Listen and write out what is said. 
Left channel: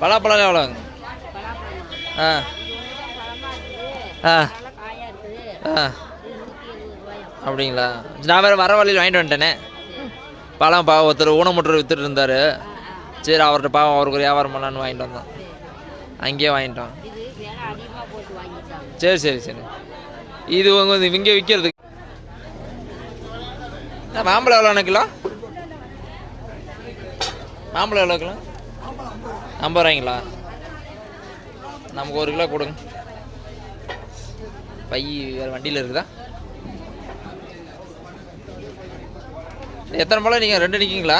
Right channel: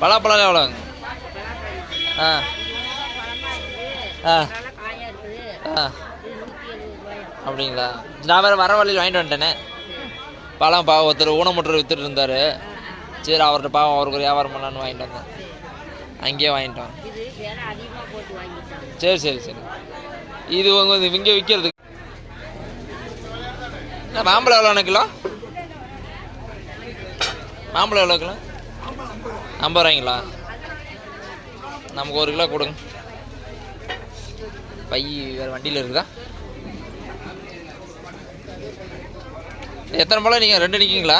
பலாப்பழம் எவ்வளோங்க? ஆ ஆ ஆ அப்படிங்களா? நான் வேறு வர வழியில் வாங்கிட்டு வந்துட்டேனே. பழம் பாவம் ஒருத்தர் ஊனமுற்றர் விற்றுட்டு இருந்தார். சரி அவர்கிட்ட பாவம் அவருக்கு ஒரு வியாபாரம் பண்ணலான்னு வாங்கிட்டு வந்தோம். அங்கேயே வாங்கிட்டோம். சரி சரி சரி. இது உங்க இங்கே விற்கிறது. மாம்பழம் எவ்வளோ கிலோ? மாம்பழம் எவ்வளோ கிலோ? 50 ரூபாய்ங்களா? நமக்கு 1 கிலோ கொடுங்க. பை வேறு வண்டியில் இருக்குதா? எத்தனை பழம் நீங்கள் 2 நிற்கிங்களா?